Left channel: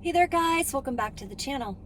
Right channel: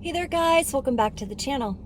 Hey there guys, welcome back to the channel.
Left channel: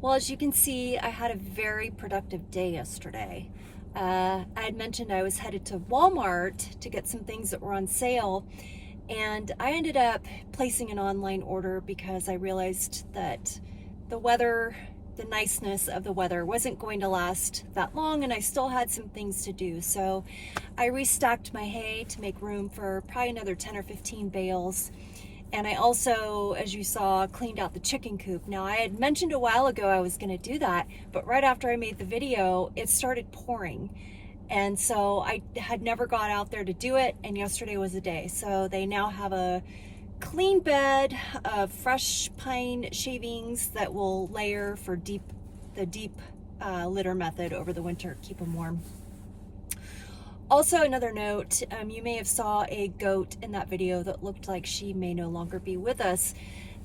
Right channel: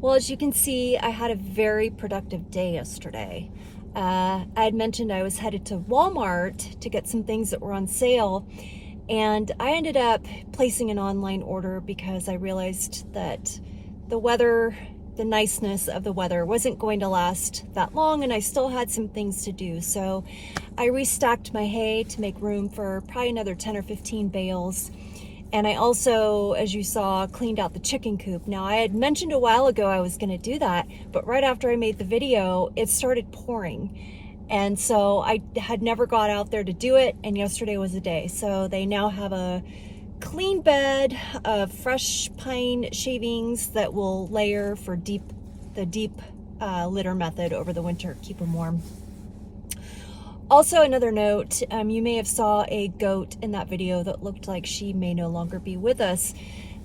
Well, as you can see, I had a very productive day yesterday. I had mentioned I was headed to Walmart to get some things that were on sale, and I ended up placing an online order because I realized that the weather, the niceness of the weather wasn't going to last that long, and I still had some things to do. So I restocked my hay to make room for probably another 10 or 15 bales. And I also, as you saw, cleaned out the chicken coop. Now, I had mentioned a while ago I was gonna do that, but right after I made the video, it started pouring. And so I had never got out there to do it, and yesterday was the day. So they now have a clean bed of fresh pine shavings that will layer for the deep litter method over the winter, keep them warm. Also, another note, you may have saw a goat in that video that looked like she may no longer be with us.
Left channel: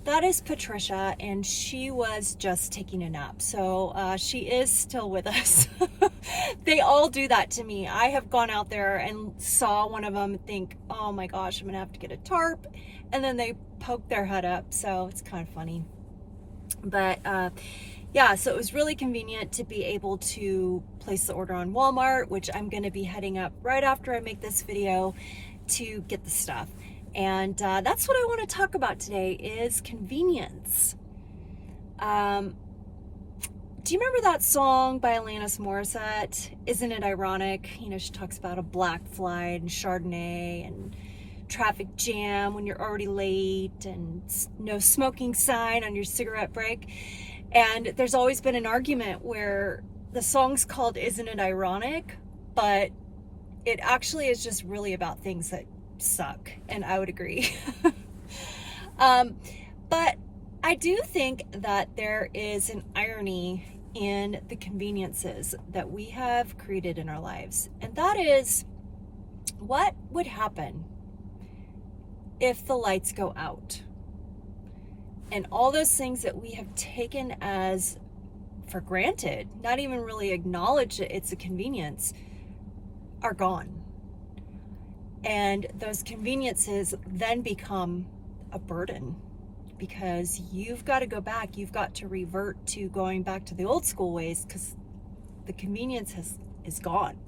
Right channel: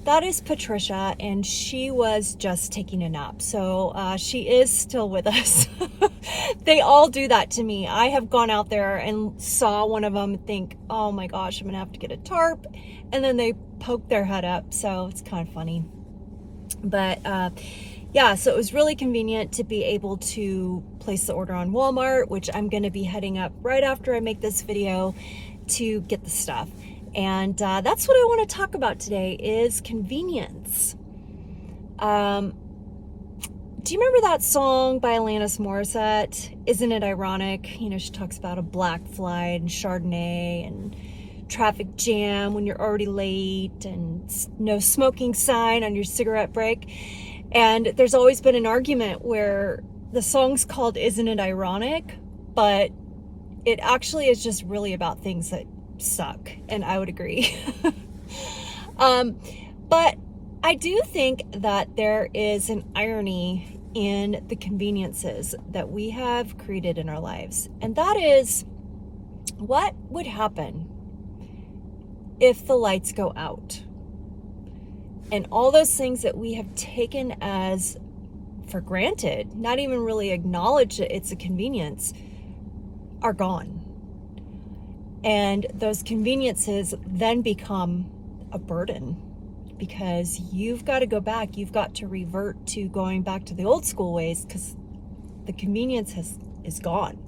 That is Patricia, and she was just taking a nap. So she is still with us. They all do that to me. I have gone out there and saw one of them think, oh my gosh, I'm gonna have to get a tarp. And then they poke their head up. So it's kind of funny. But yeah, so it was really convenient to be able to place the order on Walmart, which I'm going to be heading up right after I make this video to get the stuff. And that's what I want to talk about today is convenience. Do you remember that song by Alanis Morissette? Isn't it ironic? You know, she talks about a black flight and Chardonnay and traffic jam when you're already late and no smoking sign on your cigarette break. And there's always been an argument where the song's called Isn't It Ironic? But it actually is just really about things that suck. And I would agree. But I do think that there is an irony in the conveniences that we have created in our lives. And that is, what would happen if the lights go out? And all those things that we have taken as for granted, not even really acknowledge that it's a convenience, are gone. And those conveniences then become a burden because you've got to go back. You've got to revert to going back to the old school ways because the convenience is gone.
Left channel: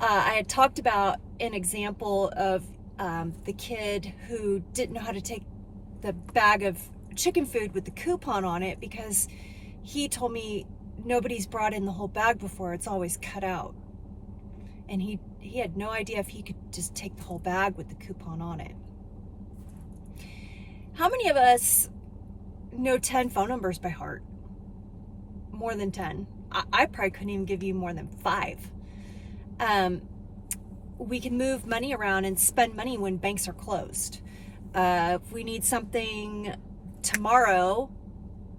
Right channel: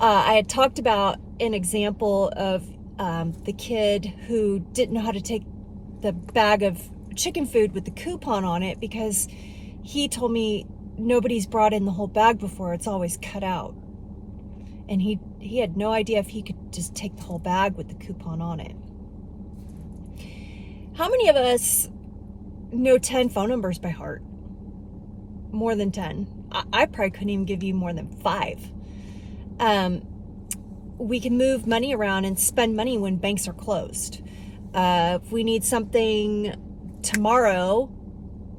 I had talked about an example of the kid who didn't know how to take the bag of chicken food with the coupon on it because he told me nobody's brought in the whole bag before. It's always cut out. And he had no idea if he could just take the whole bag with the coupon on it. How many of us know 10 phone numbers by heart? More than 10. I probably couldn't even give you more than 5. We can move money around and spend money when banks are closed. If we need something tomorrow,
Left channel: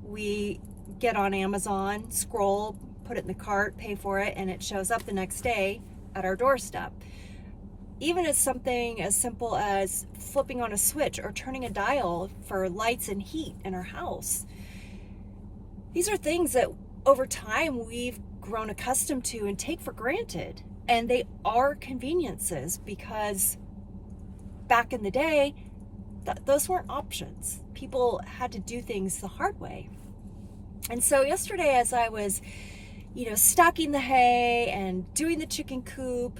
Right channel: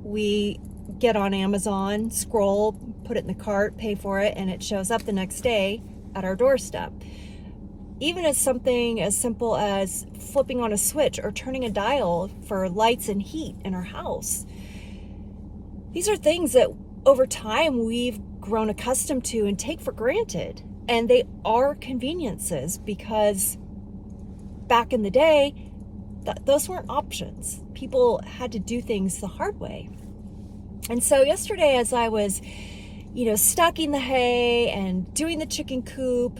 we get on Amazon, scroll, put it in the cart, pay for it, and it shows up the next day at our doorstep. Even as something as simple as flipping on a switch or turning a dial for lights and heat in our house. These are things that over time we've grown accustomed to and take for granted. And they are conveniences because back in the day, those weren't options. People had to do things the hard way. And so yesterday, as I was, stacking the hay and doing the chicken coop,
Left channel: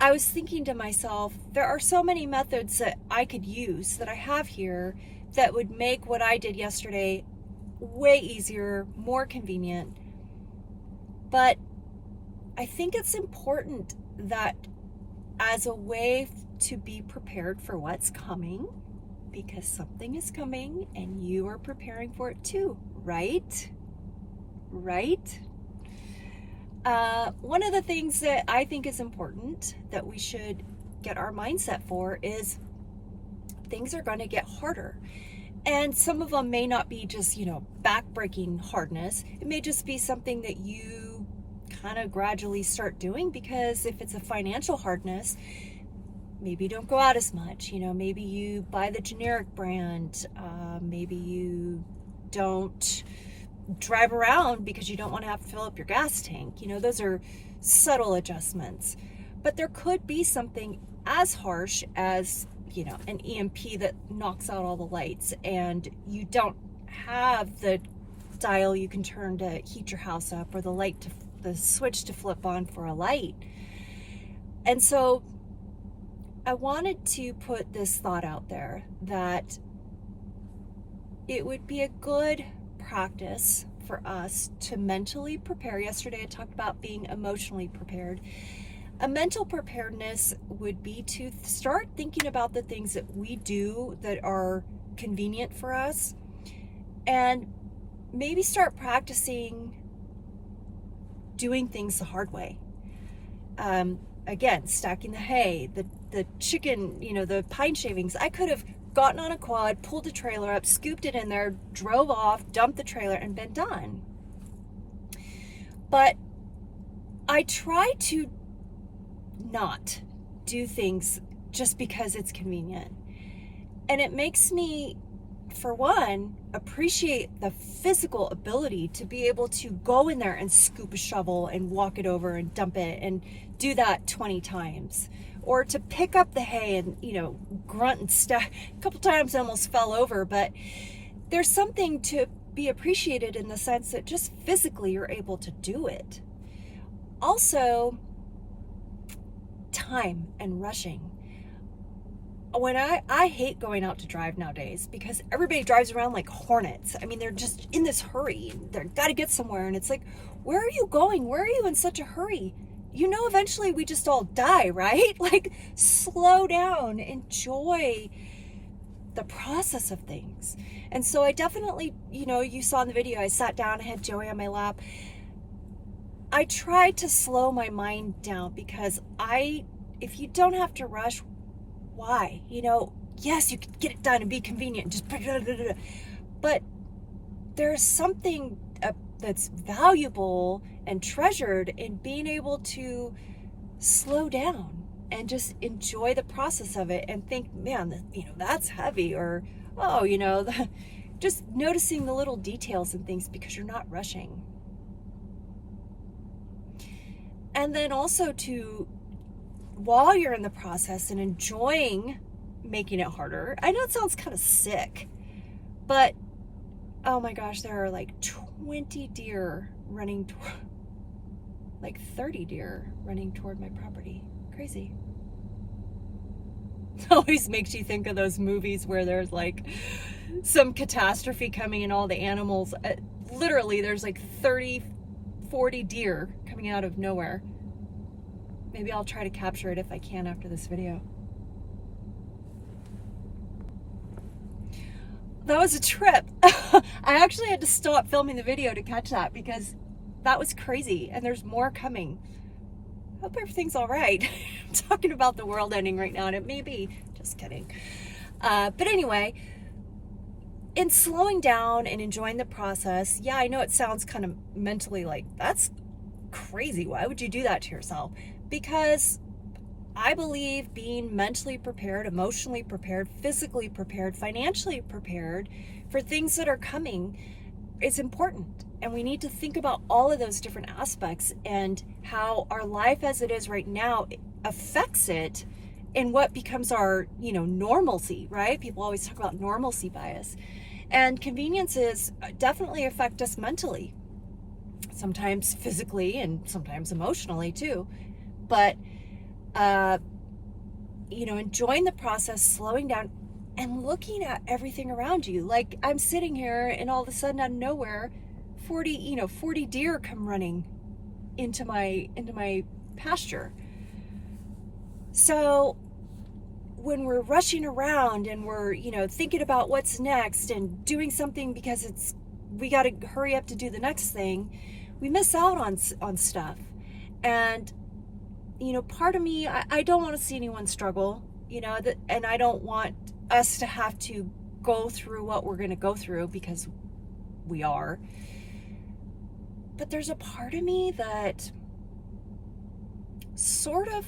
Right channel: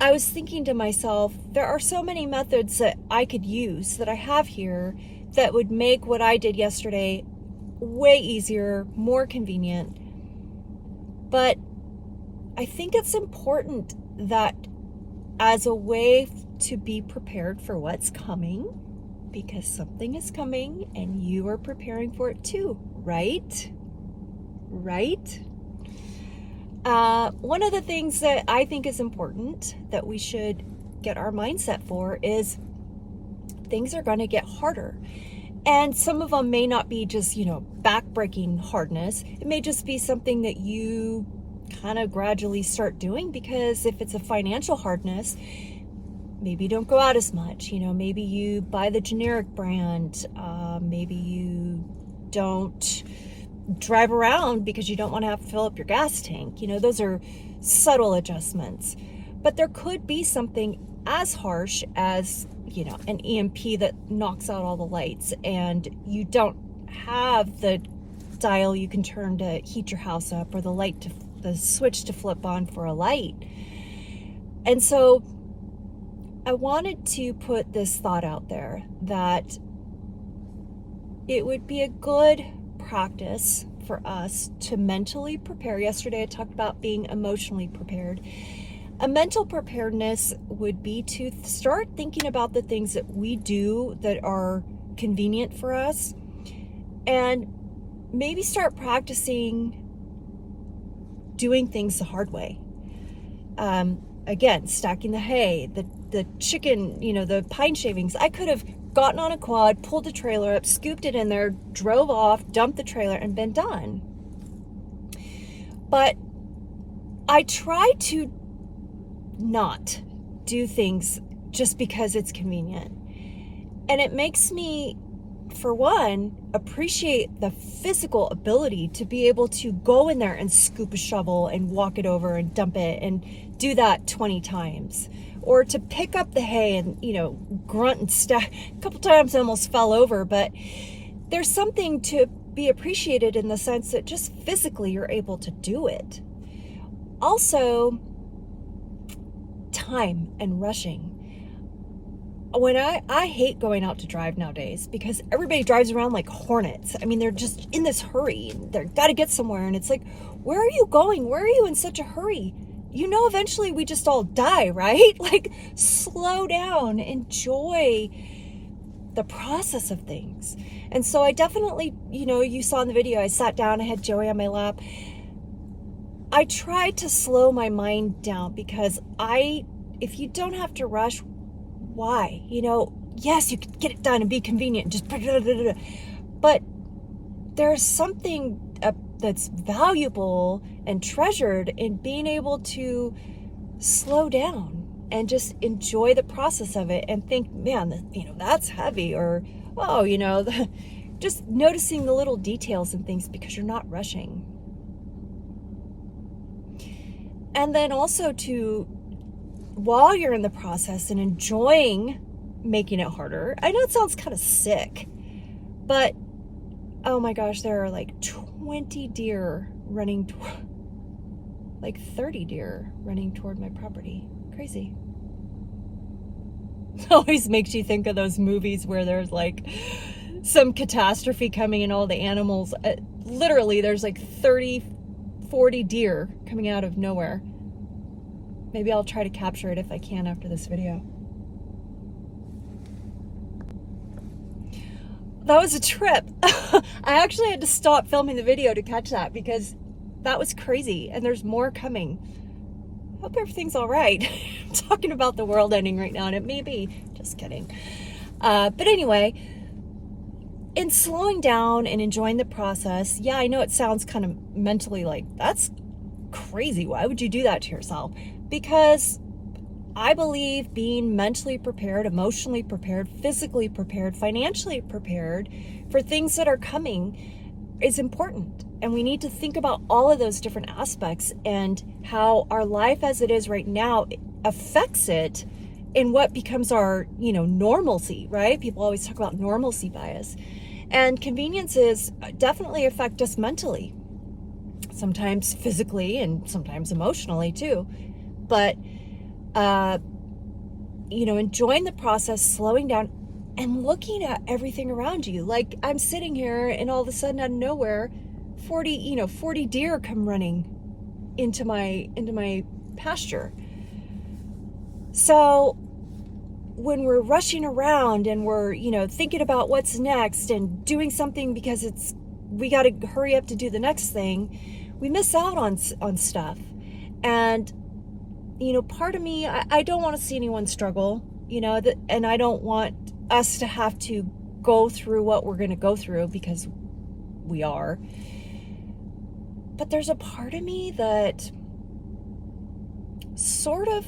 I was thinking to myself, there are so many methods that I could use that I have here that would make what I did yesterday way easier, more convenient. But I think it's important that as a way to be prepared for what's coming, because something is coming and you are preparing for it too, right? Right? One of the things that I think is important that we should get our mindset for is things are going to get harder. And some of them may not be just, back-breaking hardness. It may just be something that you kind of gradually start doing, because if it's a financial hardness, maybe you don't go out as much. Maybe you buy the generic brand. Maybe you don't drive around because you don't want to have to fill up your gas tank. Those are subtle adjustments. But there could be something as harsh as, an EMP that knocks out all the lights, and you don't have the dial you can turn to heat your house up, or the switch to flip on for a light. And so I wanted to put this thought out there that it would be a good practice for us to mentally prepare. Yesterday I talked about being emotionally prepared. A mental preparedness would be to start thinking about the things that we do that are convenient for us, and maybe start practicing doing things the hard way. Again, stacking the hay, the chicken, the pine shavings. I could have gotten on a quad, pulled the trailer up, scooped it in there, drove off, dumped the trailer, and been done. But I try to not do things just because it's convenient. And it makes me, for one, appreciate the physical ability to be able to go in there and scoop a shovel and walk it over and dump it and do that 20 times. Or to pick up the hay and, grunt and stack. A couple times I almost fell over, but there's something to be appreciated in the sense that just physically you're able to do it. Also, time and rushing. When I hate going out to drive nowadays because everybody drives around like hornets. I mean, they're just in this hurry and they've got to get somewhere. And it's like, where are you going? Where are you in such a hurry? Eventually we just all die, right? Like, slow down, enjoy the process of things. And so I definitely, you saw in the video, I sat down, I had Joey on my lap. I tried to slow my mind down because if you don't have to rush, why? Yes, you could get it done and be convenient, just but there's something that's valuable and treasured in being able to slow down and just enjoy the process of it and think, man, that's heavy, or, oh, just noticing the little details and things because you're not rushing. And then also while you're in the process and enjoying making it harder, I know it sounds kind of sick, but oh my gosh, there are like 20 deer running like 30 deer running toward my property. Crazy. It always makes you think of those movies where there's like some catastrophe coming and all the animals, literally there's like 30 40 deer coming out of nowhere. Maybe I'll try to capture it if I can after this video. That was a trip. I actually had to stop filming the video to catch that because that was crazy, and there's more coming. Hope everything's all right. I'm talking about the world ending right now, and it may be. Just kidding. But anyway, in slowing down and enjoying the process, yeah, I know it sounds kind of mentally like, that's crazy. Why would you do that to yourself? Because I believe being mentally prepared, emotionally prepared, physically prepared, financially prepared for things that are coming is important. And we need to think about all of those different aspects and how our life as it is right now affects it in what becomes our, normalcy, right? People always talk about normalcy bias. And conveniences definitely affect us mentally, sometimes physically and sometimes emotionally too. But enjoying the process, slowing down, and looking at everything around you. Like, I'm sitting here and all of a sudden out of nowhere, 40 deer come running into my pasture. So when we're rushing around and we're, thinking about what's next and doing something because we got to hurry up to do the next thing, we miss out on stuff. And part of me, I don't want to see anyone struggle, and I don't want us to have to go through what we're going to go through, because we are. But there's a part of me that sort of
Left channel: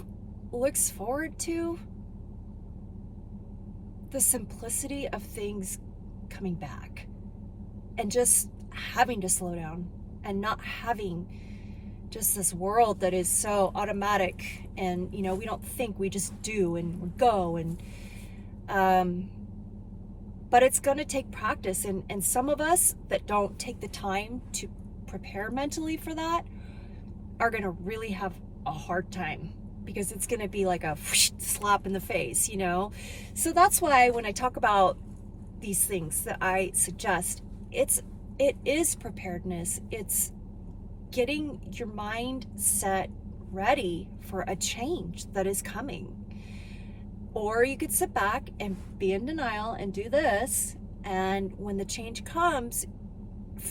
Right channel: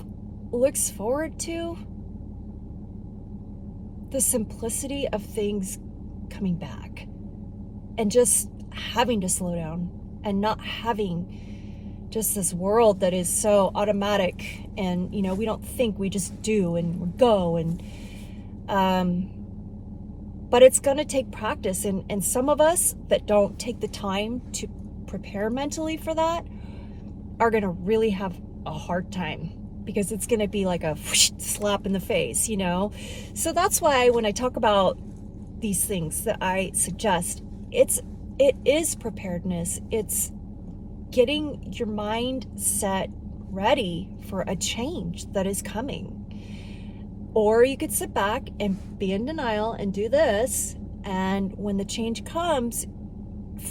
looks forward to the simplicity of things coming back and just having to slow down and not having just this world that is so automatic, and we don't think, we just do and we go, and but it's going to take practice, and some of us that don't take the time to prepare mentally for that are going to really have a hard time, because it's going to be like a whoosh, slap in the face, So that's why when I talk about these things that I suggest, it is preparedness. It's getting your mind set ready for a change that is coming. Or you could sit back and be in denial and do this, and when the change comes,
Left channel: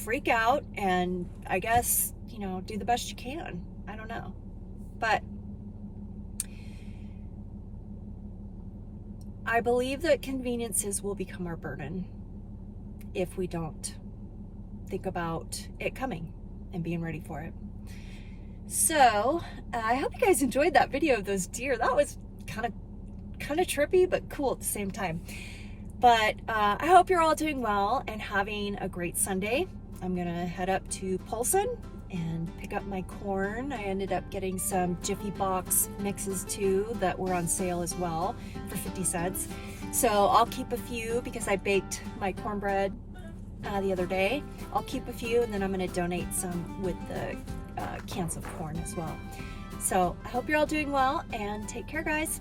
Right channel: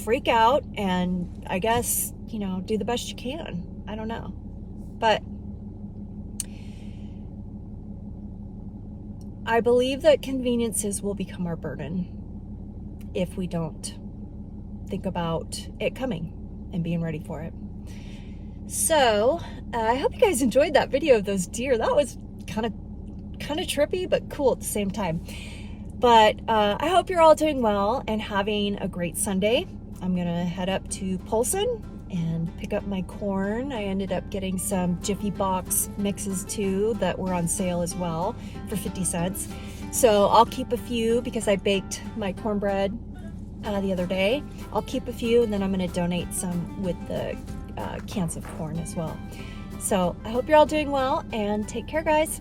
freak out and I guess, do the best you can. I don't know. But I believe that conveniences will become our burden if we don't think about it coming and being ready for it. So I hope you guys enjoyed that video of those deer. That was kind of trippy, but cool at the same time. But I hope you're all doing well and having a great Sunday. I'm gonna head up to Polson and pick up my corn. I ended up getting some Jiffy Box mixes too that were on sale as well for 50 cents. So I'll keep a few because I baked my cornbread the other day. I'll keep a few, and then I'm going to donate some with the cans of corn as well. So I hope you're all doing well, and take care, guys.